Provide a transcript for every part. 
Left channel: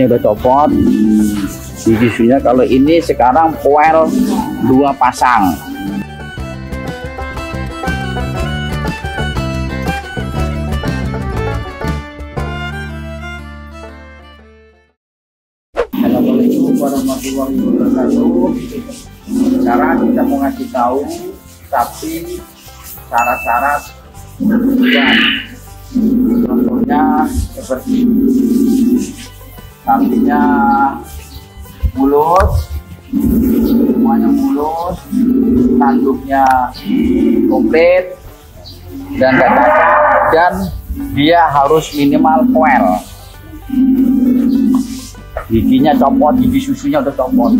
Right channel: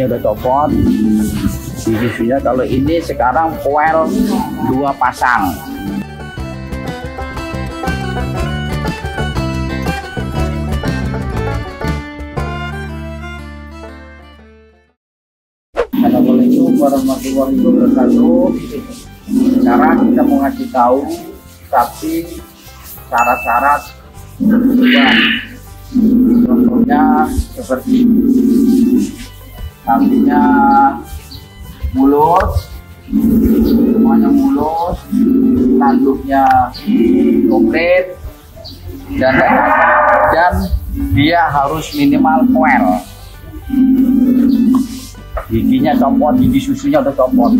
Ini udah copot. Giginya kalau ini sekarang poel 2 pasang. Assalamualaikum warahmatullahi wabarakatuh. Sekarang kita mau ngasih tahu sapi syarat-syarat kurban. Contohnya seperti sapinya mulus, semuanya mulus, tanduknya komplit dan dia harus minimal poel. Giginya copot, gigi susunya udah copot.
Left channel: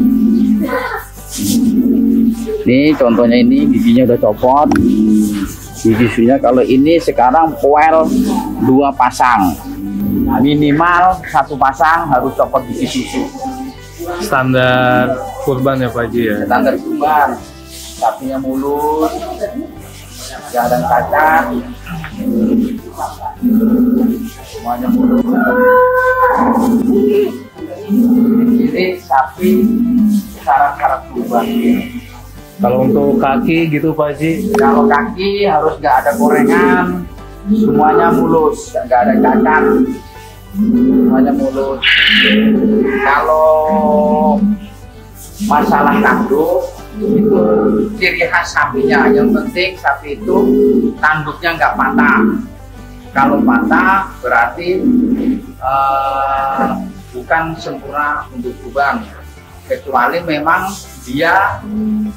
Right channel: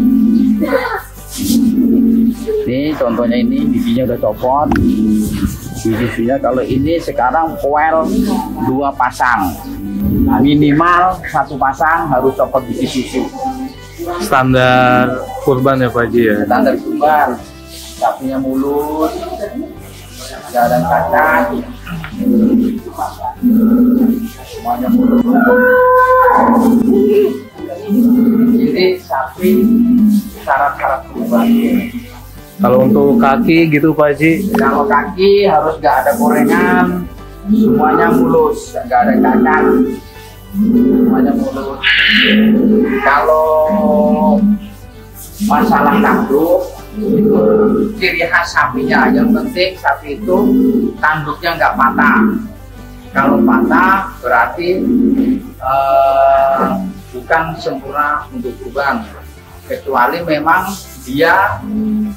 Nih contohnya, ini giginya udah copot. Gigi susunya kalau ini sekarang poel 2 pasang. Minimal 1 pasang harus copot gigi susu. Standar kurban ya Pak Haji ya? Standar kurban. Sapinya mulus, gak ada cacat, semuanya mulus. Ini sapi syarat-syarat kurban. Kalau untuk kaki gitu Pak Haji? Kalau kaki harus gak ada gorengan, semuanya mulus, gak ada cacat, semuanya mulus. Kalau masalah tanduk itu ciri khas sapinya, yang penting sapi itu tanduknya nggak patah. Kalau patah berarti bukan sempurna untuk kurban, kecuali memang dia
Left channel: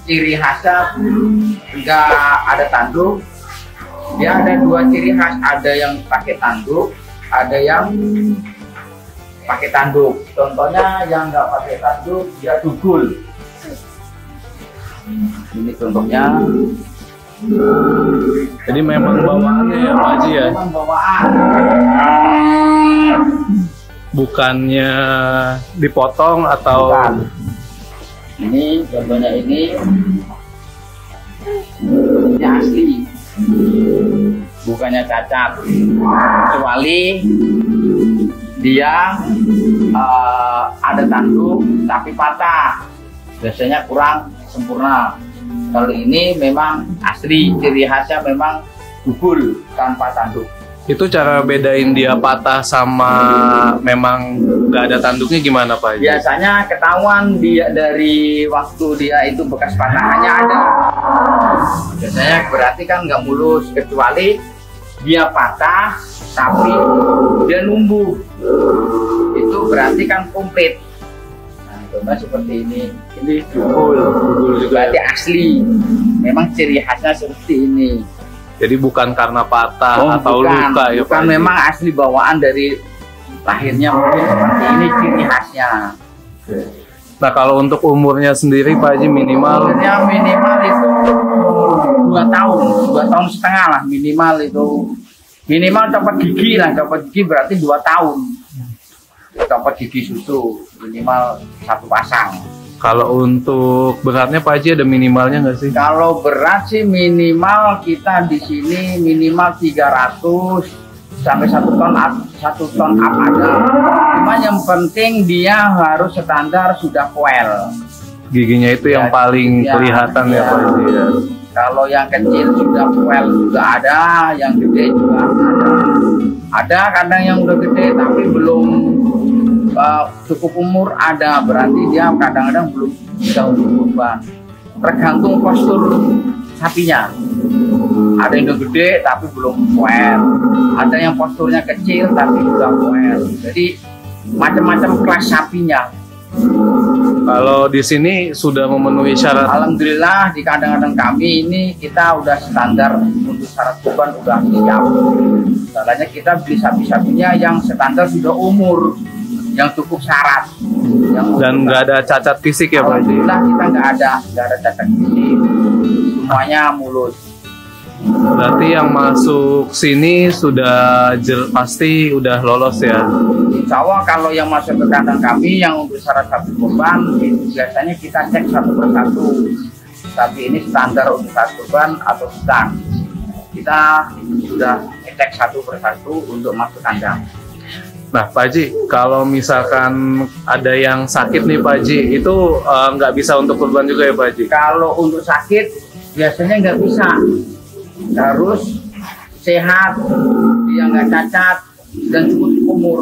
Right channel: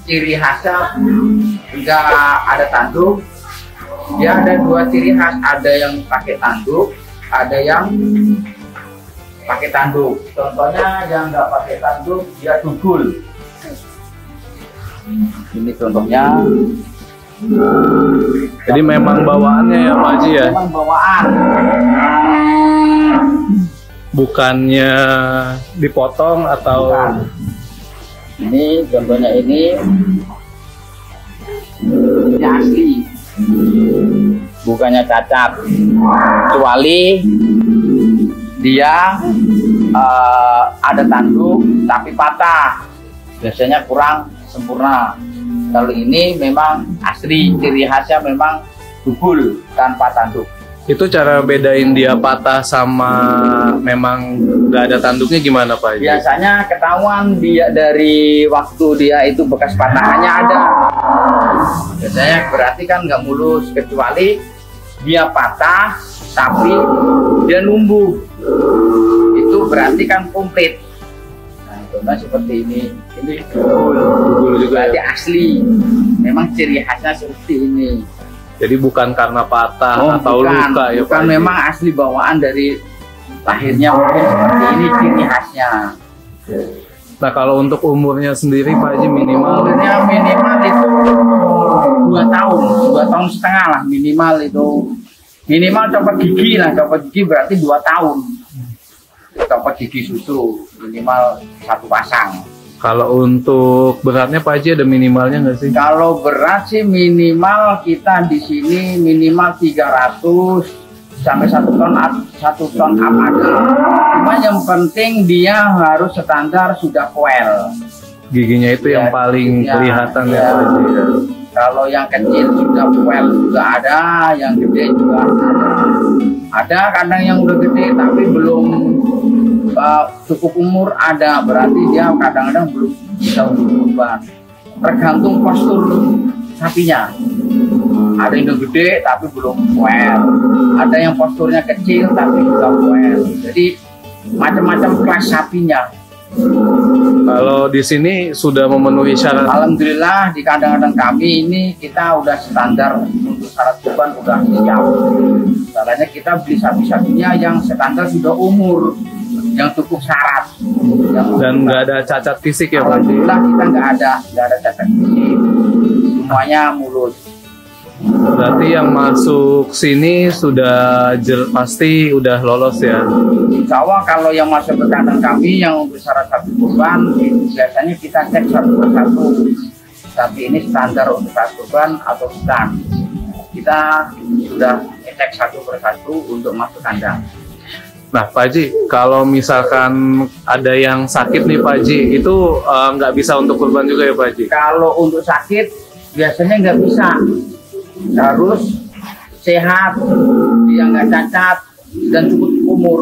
ciri khasnya nggak ada tanduk. Dia ada 2 ciri khas, ada yang pakai tanduk, ada yang pakai tanduk. Contohnya yang nggak pakai tanduk dia dugul. Ini contohnya. Jadi memang bawaannya ya Pak Haji ya? Memang bawaan. Bukannya dipotong atau? Bukan. Ini contohnya ini asli, bukannya cacat, kecuali dia ada tanduk tapi patah, biasanya kurang sempurna. Kalau ini memang asli, ciri khasnya memang dugul tanpa tanduk. Itu cara bedain dia patah sama memang nggak ada tanduknya gimana Pak Haji? Biasanya ketahuan dia dari waktu dia itu bekas patahannya ada. Biasanya berarti kan nggak mulus, kecuali dia patah tapi dia numbuh. Itu berarti kan komplit. Nah, contohnya seperti ini Dugul juga berarti ya? asli. Memang ciri khasnya seperti ini. Jadi bukan karena patah atau bukan, luka ya Pak bukan, Haji? memang asli bawaan dari lahirnya mungkin seperti ini ciri khasnya. Nah kalau untuk umurnya sendiri Pak Haji minimal? Umurnya minimal itu 2 tahun, 2 tahun setengah lah minimal itu. Minimal copot gigi lah, copot gigi berarti 2 tahun. Copot gigi susu minimal 1 pasang. Kalau untuk beratnya Pak Haji ada minimalnya nggak sih? Kalau berat sih minimal kita di sini minimal 300 sampai 1 ton up, 1 ton up ada. Cuma yang penting dia harus standar sudah poel. Giginya itu yang paling kelihatan ya Pak Haji ya? Kalau yang kecil sudah poel juga ada, yang gede juga ada. Ada kadang yang udah gede tapi belum cukup umur, ada berarti dia kadang-kadang belum bisa untuk kurban. Tergantung postur sapinya. Ada yang udah gede tapi belum poel, ada yang posturnya kecil tapi juga poel. Jadi macam-macam kelas sapinya. Kalau di sini sudah memenuhi syarat? Alhamdulillah di kandang-kandang kami ini kita udah standar untuk syarat kurban udah siap. Caranya kita beli sapi-sapinya yang standar sudah umur, yang cukup syarat. Dan nggak ada cacat fisik ya Pak Haji? Alhamdulillah kita nggak ada cacat fisik, semuanya mulus. Berarti yang masuk sini sudah pasti udah lolos ya? Insya Allah kalau yang masuk ke kandang kami yang untuk syarat sapi kurban biasanya kita cek 1 persatu. Tapi ini standar untuk sapi kurban atau sedang. Kita sudah cek 1 persatu untuk masuk kandang. Nah, Pak Haji, kalau misalkan ada yang sakit nih Pak Haji, itu nggak bisa untuk kurban juga ya Pak Haji? Kalau untuk sakit biasanya nggak bisa, harus sehat, dia nggak cacat dan cukup umur.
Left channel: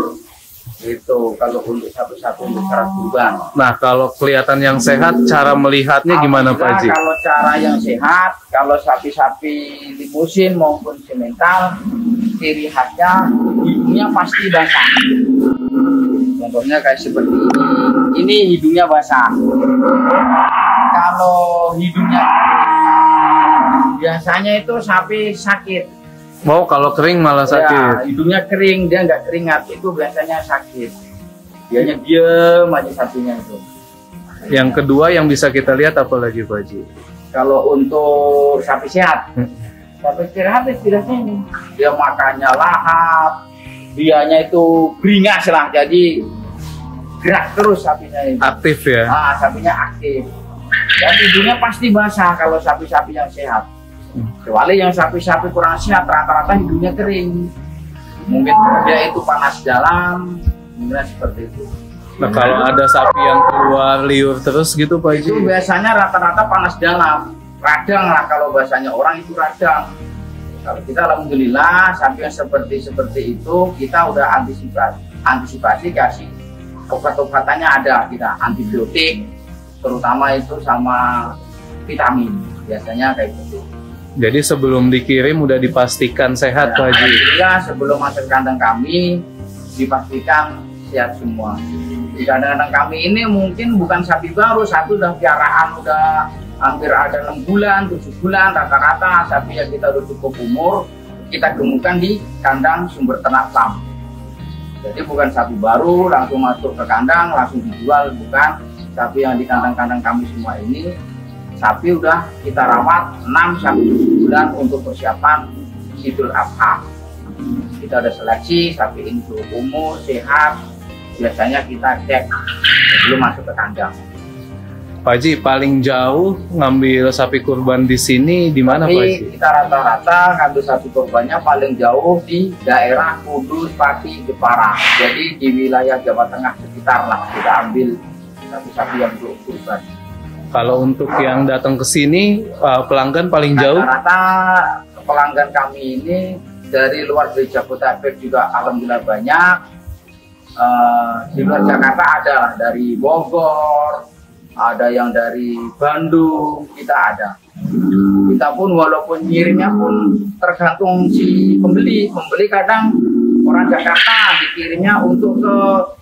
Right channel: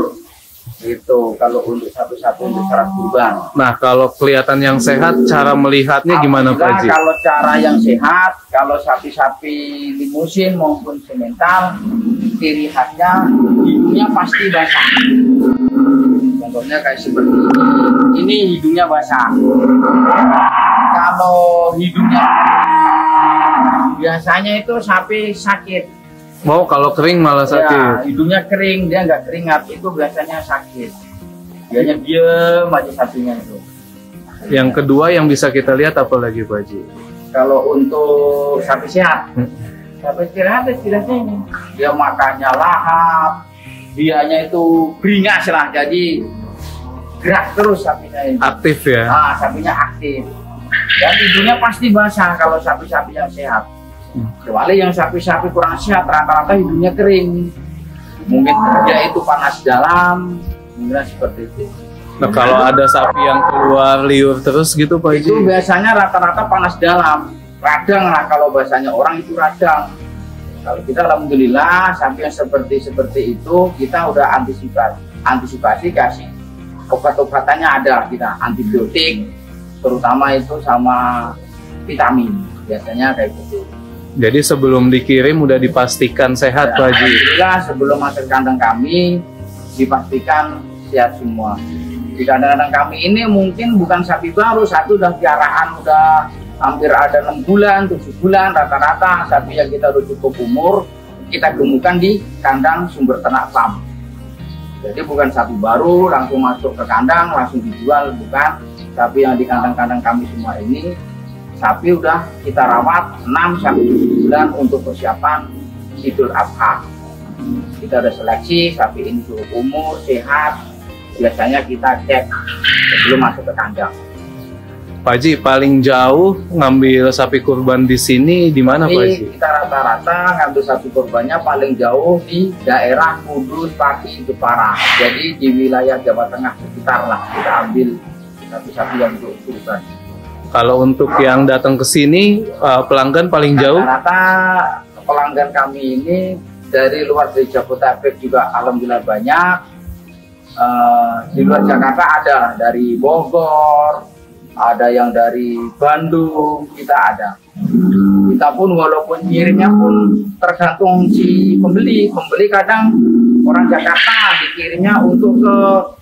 Itu kalau untuk satu-satu untuk syarat kurban. Nah, kalau kelihatan yang sehat, cara melihatnya gimana Pak Haji? Kalau cara yang sehat, kalau sapi-sapi limusin maupun semental, ciri khasnya hidungnya pasti basah. Contohnya kayak seperti ini hidungnya basah. Kalau hidungnya biasanya itu sapi sakit. Oh, kalau kering malah sakit. Ya, hidungnya kering, dia nggak keringat, itu biasanya sakit. Dianya diem aja sapinya itu. Yang kedua yang bisa kita lihat apa lagi Pak Haji? Kalau untuk sapi sehat, sapi sehat istilahnya ini. Dia makannya lahap, dianya itu beringas lah, jadi gerak terus sapinya itu. Aktif ya? Nah, sapinya aktif. Dan hidungnya pasti basah kalau sapi-sapi yang sehat. Kecuali yang sapi-sapi kurang sehat, rata-rata hidungnya kering. Mungkin dia itu panas dalam, mungkin seperti itu. Nah, kalau ada sapi yang keluar liur terus gitu Pak Haji? Itu biasanya rata-rata panas dalam. Radang lah kalau bahasanya orang itu radang. Kalau kita alhamdulillah sapi yang seperti itu kita udah antisipasi kasih obat-obatannya ada, kita antibiotik terutama itu sama vitamin biasanya kayak gitu. Jadi sebelum dikirim udah dipastikan sehat Ya, Pak Haji? alhamdulillah sebelum masuk kandang kami dipastikan sehat semua. Di kandang-kandang kami ini mungkin bukan sapi baru, satu udah piaraan udah hampir ada 6 bulan, 7 bulan rata-rata sapi yang kita udah cukup umur kita gemukan di kandang sumber ternak farm. Jadi bukan sapi baru langsung masuk ke kandang langsung dijual, bukan. Sapi yang di kandang-kandang kami semua ini sapi udah kita rawat 6 sampai 7 bulan untuk persiapan Idul Adha. Kita ada seleksi sapi ini cukup umur, sehat. Biasanya kita cek sebelum masuk ke kandang. Pak Haji, paling jauh ngambil sapi kurban di sini di mana Pak Haji? Kita rata-rata ngambil sapi kurbannya paling jauh di daerah Kudus, Pati, Jepara. Jadi di wilayah Jawa Tengah sekitar lah kita ambil sapi-sapi yang untuk kurban. Kalau untuk yang datang ke sini pelanggan paling jauh? Rata-rata pelanggan kami ini dari luar dari Jabodetabek juga alhamdulillah banyak. Di luar Jakarta ada lah, dari Bogor, ada yang dari Bandung, kita ada. Kita pun walaupun ngirimnya pun tergantung si pembeli. Pembeli kadang orang Jakarta dikirimnya untuk ke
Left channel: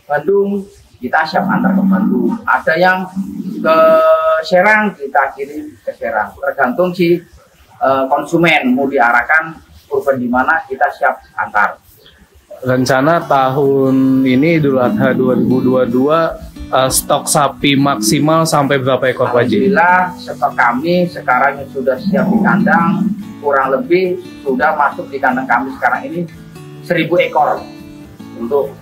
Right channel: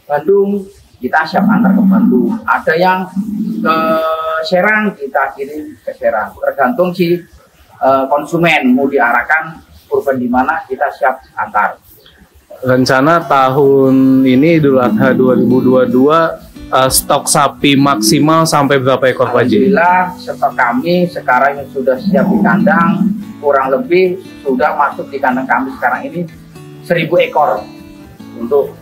Bandung, kita siap antar ke Bandung. Ada yang ke Serang, kita kirim ke Serang. Tergantung si konsumen mau diarahkan kurban di mana, kita siap antar. Rencana tahun ini Idul Adha 2022 stok sapi maksimal sampai berapa ekor Pak Haji? Alhamdulillah stok kami sekarang yang sudah siap di kandang kurang lebih sudah masuk di kandang kami sekarang ini 1000 ekor untuk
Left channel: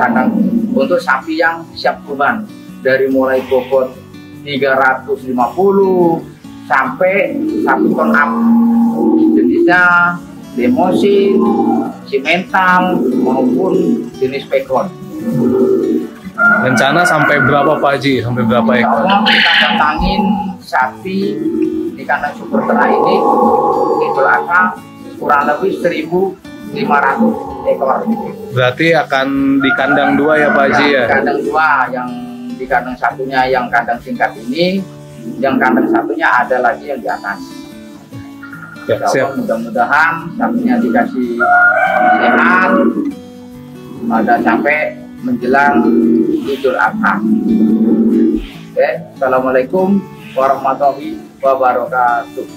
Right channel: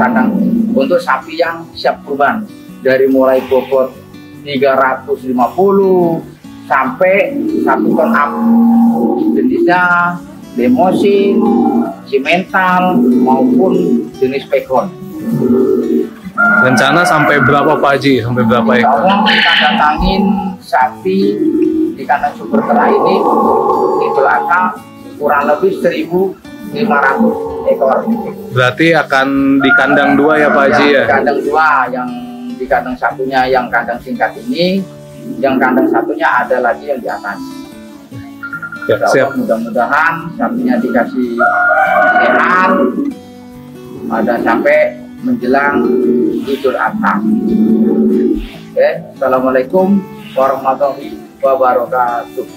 kandang untuk sapi yang siap kurban, dari mulai bobot 350 sampai 1 ton up, jenisnya Lemosin, simental maupun jenis pegon. Rencana sampai berapa Pak Haji? Sampai berapa ekor? Kita datangin sapi di kandang sumber ternak ini Idul Adha kurang lebih 1.500 ekor. Berarti akan di kandang 2 ya Pak Haji ya? Di kandang 2, yang di kandang satunya yang kandang singkat ini, yang kandang satunya ada lagi yang di atas. Ya, siap. Mudah-mudahan sapinya dikasih sehat, ada sampai menjelang Idul Adha. Oke, assalamualaikum warahmatullahi wabarakatuh.